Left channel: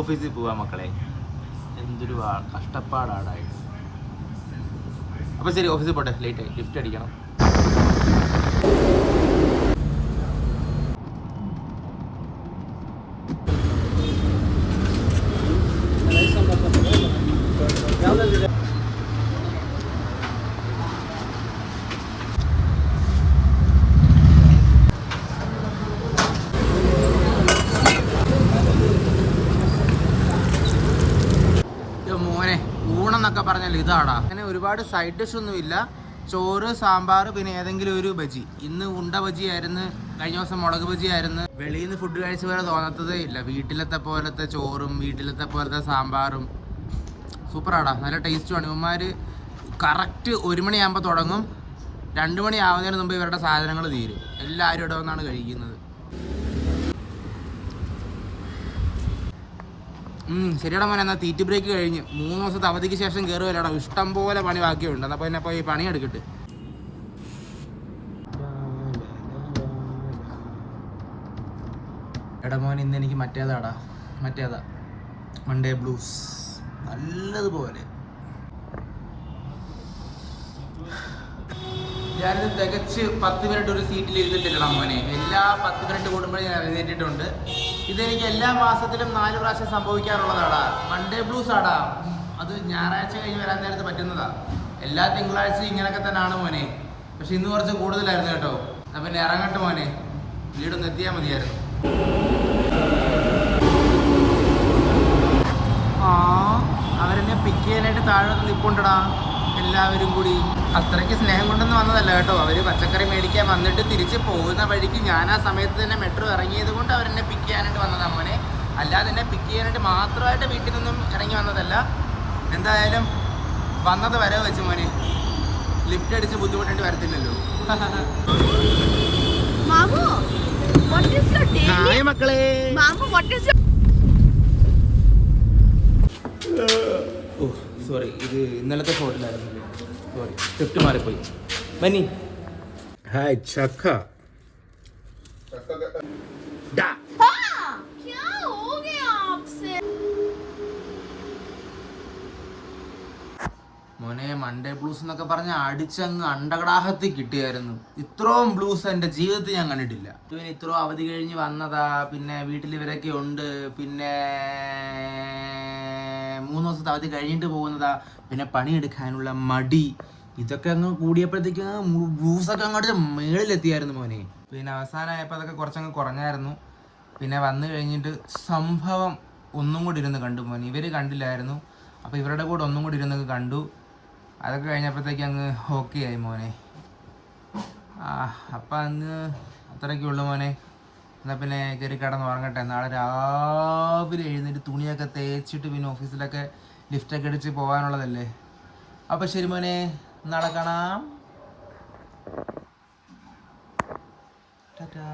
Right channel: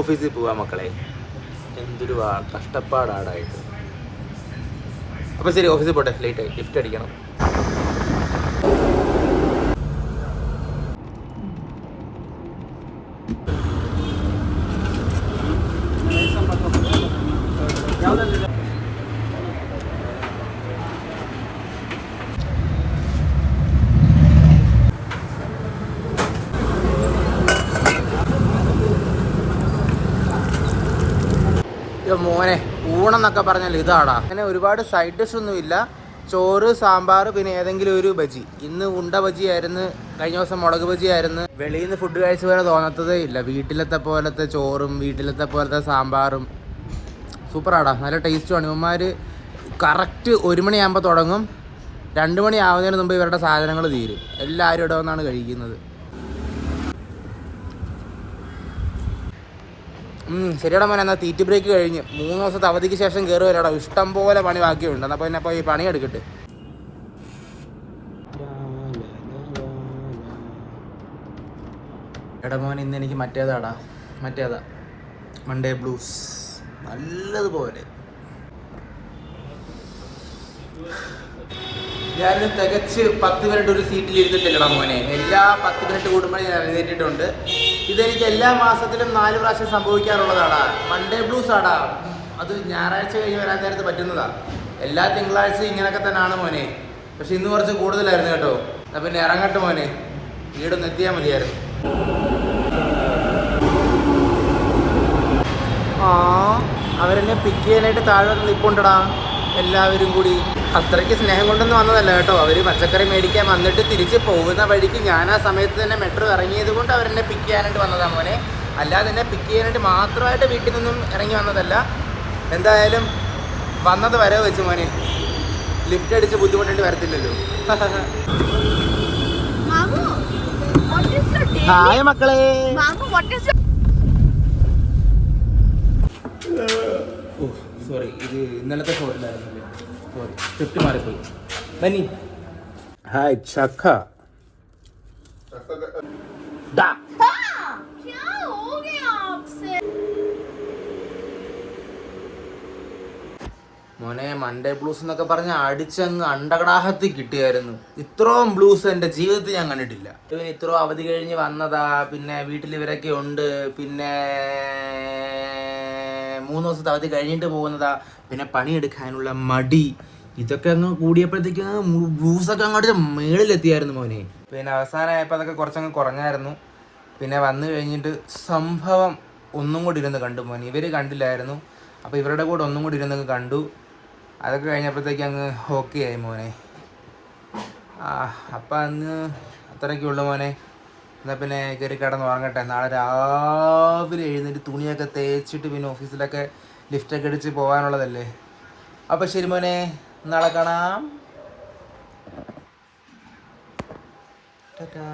ഓഫീസിൽ പോവാ മക്കളെ. എന്തൊരു കഷ്ടപ്പാടാടായിട്ട്. അപ്പോൾ ശരി, ഓഫീസിൽ പോട്ടെ, ലേറ്റായി. ലിഫ്റ്റ് അടിക്കണം. മോനെ, ഊണെന്നൊക്കെ പറഞ്ഞാൽ ഇതാടാ. അങ്ങനെ ഒരുപാട് സൈഡ് ഡിഷ് ഒന്നും ഇല്ല. ചോറ്, സാമ്പാർ, പിന്നെ ഏതെങ്കിലും ഒരു ബജി. ഇന്ന് ഉണ്ട ബജി ആയിരുന്നു, കഴിഞ്ഞ ദിവസം മുളക് ബജി ആയിരുന്നു. വെളിയിൽ നിന്ന് ഫുഡ് കഴിച്ച പോലെ തോന്നത്തതേ ഇല്ല. വീട്ടിലത്തെ പോലത്തെ ചോറും വീട്ടിലത്തെ പോലത്തെ സാമ്പാറും സൂപ്പറാടാ, നല്ല ടേസ്റ്റുമാണ്. ഇവന്മാർ കറക്റ്റ് 1 മണിയാകുമ്പോൾ തുടങ്ങും, 2 മണി ആവുന്നതിന് മുമ്പ് ഇവരുടെ സാധനങ്ങൾ തീരും. എല്ലാവരും ഇവിടെ വന്നാണ് കഴിക്കുന്നത്. ശരിയാടാ മോനെ, എന്നാൽ തീറ്റി ബ്രേക്ക് കഴിഞ്ഞ് 3 ദിവസത്തെ അവധിക്ക് ശേഷം കയറി വരാടാ. ഇഷ്ടം പോലെ പണി ബാക്കിയുണ്ട്. അപ്പോൾ പിന്നെ അപ്പോൾ ഈ പണി എടുക്കട്ടെ. എടാ മോനെ, ഇന്ന് എനിക്ക് മറ്റേതാ മൺഡേ ബ്ലൂസ് നല്ലതുപോലെ. ഞാനിത് തികച്ച് 10 മിനിറ്റ് ഒരു സീറ്റിൽ ഇരുന്നിട്ടില്ലടാ മോനെ. എല്ലാ 10 മിനിറ്റ് കൂടുമ്പോൾ ഞാൻ എഴുന്നേറ്റിട്ടുണ്ട്. ഇതെനിക്ക് എല്ലാ മാസത്തിലും 4 പ്രാവശ്യം സംഭവിക്കാറുള്ളതാടാ. മൺഡേ ബ്ലൂസ് ആടാ. അത് ഞായറാഴ്ച കഴിഞ്ഞ് വരാൻ നേരത്ത് പറ്റുന്നതാ. എല്ലാ തിങ്കളാഴ്ചയും ഇങ്ങനെയൊക്കെ തന്നെയാണ് മോനെ. പക്ഷെ ഇന്ന് കുറച്ച് കൂടുതലായിരുന്നു കേട്ടോ. അപ്പം പിന്നെ ഇറങ്ങട്ടെ മോനെ, വീടൊന്ന് എത്തിയാൽ മതിയായിരുന്നു. അവരെന്നെ പിക്ക് ചെയ്യാനായിട്ട് താഴെ വന്ന് നിൽപ്പുണ്ടടാ എല്ലാവരും കൂടി. അത്രയ്ക്ക് സ്നേഹം കൊണ്ടൊന്നും വന്നതല്ല കേട്ടോ. അവർ പച്ചക്കറി മേടിക്കാൻ വന്നിട്ട് തിരിച്ച് പോകുന്ന വഴിക്ക് ഞാൻ ആ സമയത്ത് തന്നെ മെട്രോ ഇറങ്ങിയത് കൊണ്ട് അവരെന്നെ പിക്ക് ചെയ്യാനായിട്ട് വന്നതാണ് മോനെ. അല്ലാതെ എന്നെ പിക്ക് ചെയ്യാനായിട്ട് മാത്രമായിട്ട് വീട്ടിൽ നിന്നും ഇറങ്ങി വന്നതല്ല. എന്തായാലും വന്നത് വരവ് വെച്ച് മോനെ. ലിഫ്റ്റ് അടിച്ച് ബുദ്ധിമുട്ടേണ്ടി വരത്തില്ലല്ലോ. ഹായ് മക്കളെ. സോറി, ഇത് ഇന്നലത്തെ ഷോയിലായിരുന്നല്ലേ. സോറി, സ്ക്രിപ്റ്റ് മാറിപ്പോയി. ബനി ഹായ് ചക്ക. മോനെ, മൺഡേ ബ്ലൂസ് എന്നൊക്കെ പറഞ്ഞ് അടിച്ചങ്ങ് അണ്ടകടാഹത്തിൽ കിട്ടിയായിരുന്നു. ഇത്രയും ബ്ലൂസ് എൻ്റെ ജീവിതത്തിൽ ഞാൻ കണ്ടിട്ടില്ല. ഇവന് ഇത്രയും അവധി കഴിഞ്ഞ് വന്നതാ. പിന്നെ വീട്ടിൽ ഇവരൊക്കെ ഉണ്ട്. പിന്നെ 3 ദിവസത്തെ അവധി കഴിഞ്ഞിട്ട് പോകുന്നതാ. പിന്നെ പണിയെടുക്കാനുള്ള മടി, ഇതൊക്കെ അങ്ങ് കൂടിയപ്പോഴത്തേക്ക് ബ്ലൂസൊക്കെ അങ്ങോട്ട് മേളിലെത്തിയായിരുന്നു മോനെ. പിന്നെ അവസാനമായപ്പോൾ അതൊക്കെ കുറച്ചങ്ങ് കുറഞ്ഞായിരുന്നു. പിന്നെ വന്നു കഴിഞ്ഞിട്ട് സംഭവം ഒന്നും കൂടി ഇരുന്ന് കണ്ടു മോനെ. ഇവർ കണ്ടില്ലായിരുന്നു. അപ്പോൾ ഇവരുടെ കൂടെ ഒന്നും കൂടി ഇരുന്ന് കണ്ടു. അതൊക്കെ കഴിഞ്ഞപ്പോഴത്തേക്ക് അങ്ങ് ഓക്കെ ആയി മോനെ. അപ്പം അങ്ങ് അത്രയ്ക്കുള്ളൂ മോനെ. എന്നാൽ പിന്നെ കയറി കിടന്ന് ഉറങ്ങട്ടെ. നാളെ രാവിലെ എഴുന്നേറ്റ് തുണിയൊക്കെ തേച്ചിട്ട് പിന്നെ ഓഫീസിലൊക്കെ ലിഫ്റ്റൊക്കെ അടിച്ച് പോകാനുള്ളതല്ലേ. അപ്പോൾ ശരി മോനെ, നാളെ കാണാം. ടാറ്റാ.